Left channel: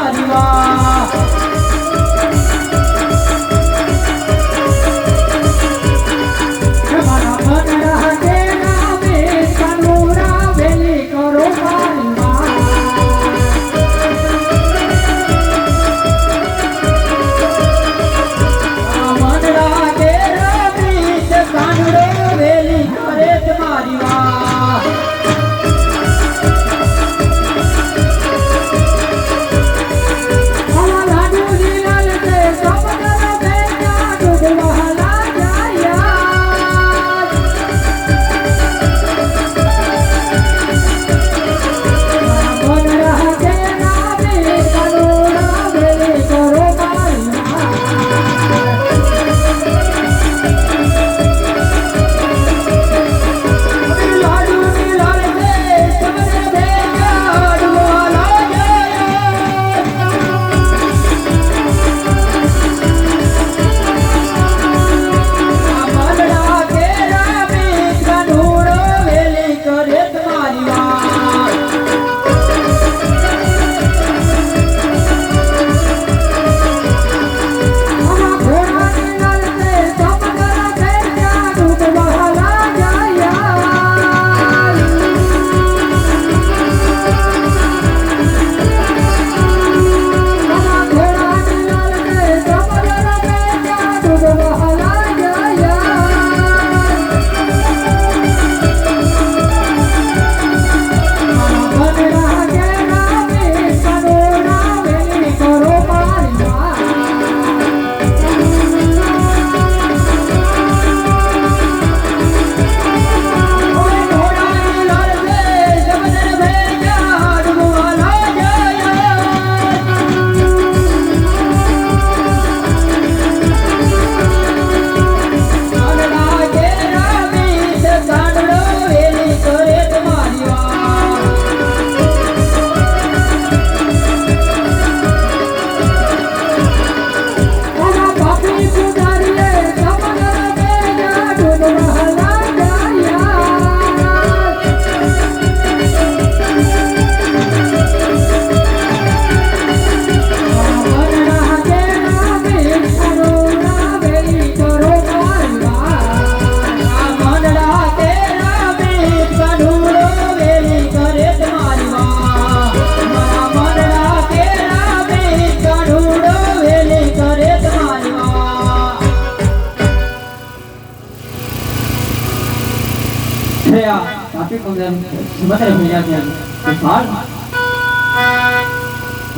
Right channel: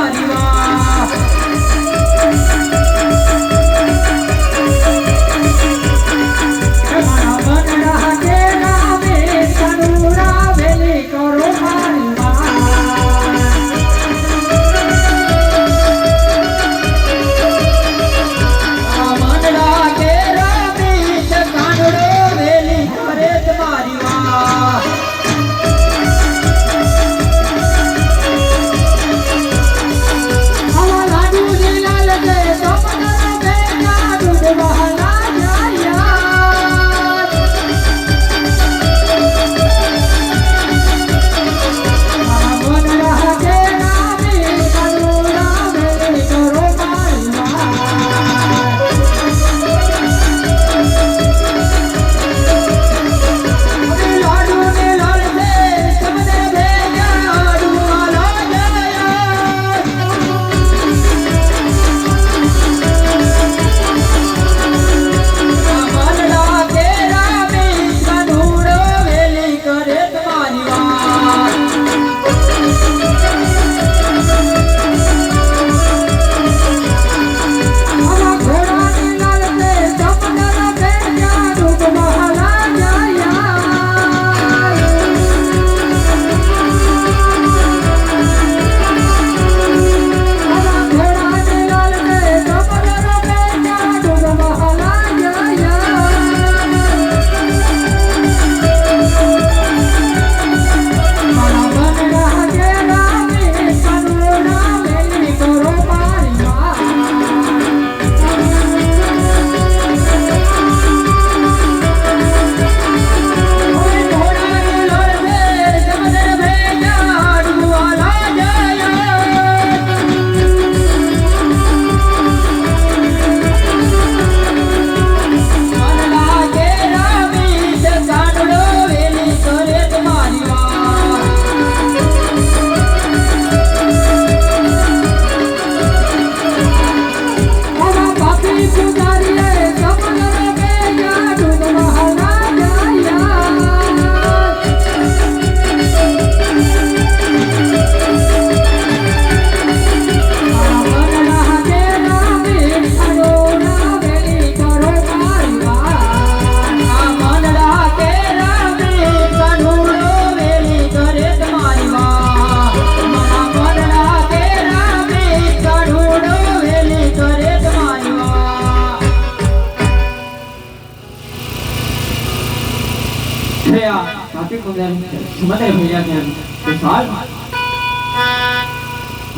મારી વાહ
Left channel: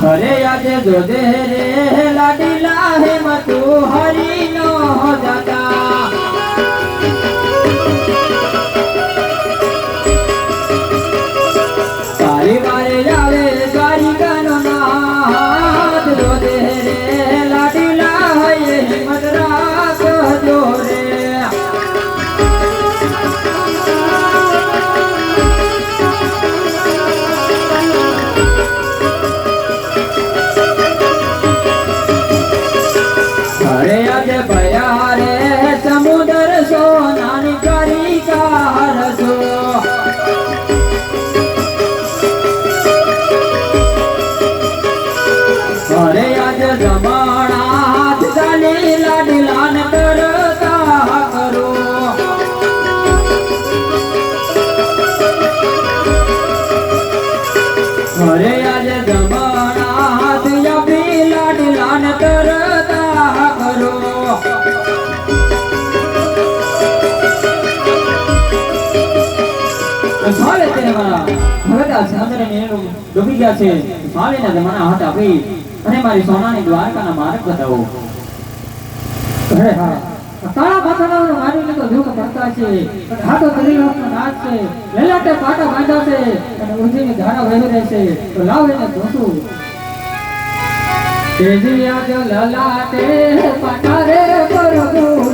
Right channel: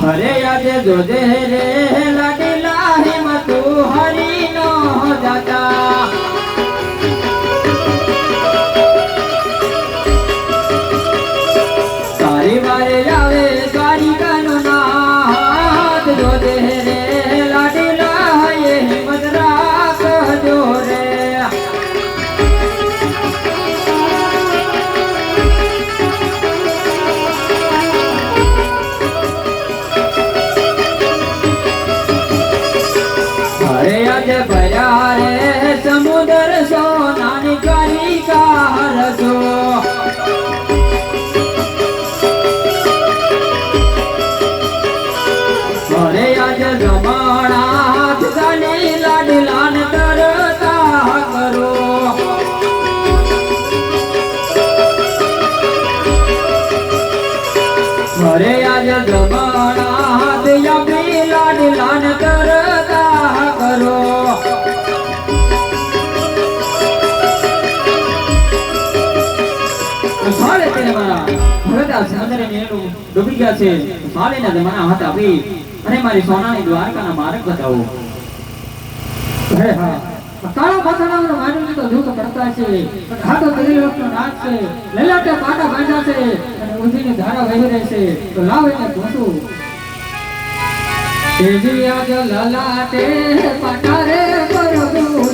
हरे याद जो दे रे लाडीला है मधु हरि नो जाता सारी बारे आवे सारी गनो नाथ जो दे रे लाडीला है ये मदरास जो रे भया रे समुद्र सोनानी करी कार सो अरे आज जमाना हाथ डाली लाडलान करता करो अरे आज जमाना हाथ अभी लाडलान करता करो साले तेरे मारा भरता से अंदर मेरे डूबी गया से साले ना जमाना हाथ अभी अरे मारी सोनानी द्वारका ना मार्ग बताओ अरे हाँ काला पाथाना मारे ने तो दुख करता છે હાથો કરી લોટનો નાચ છે લેલાટે પાટા બાંધા છે અને ઉર્જીની ધારા વહી રહે છે તો લાવ એને ઘોસું તેજી આજ લલાટે પાટા રે પરગુ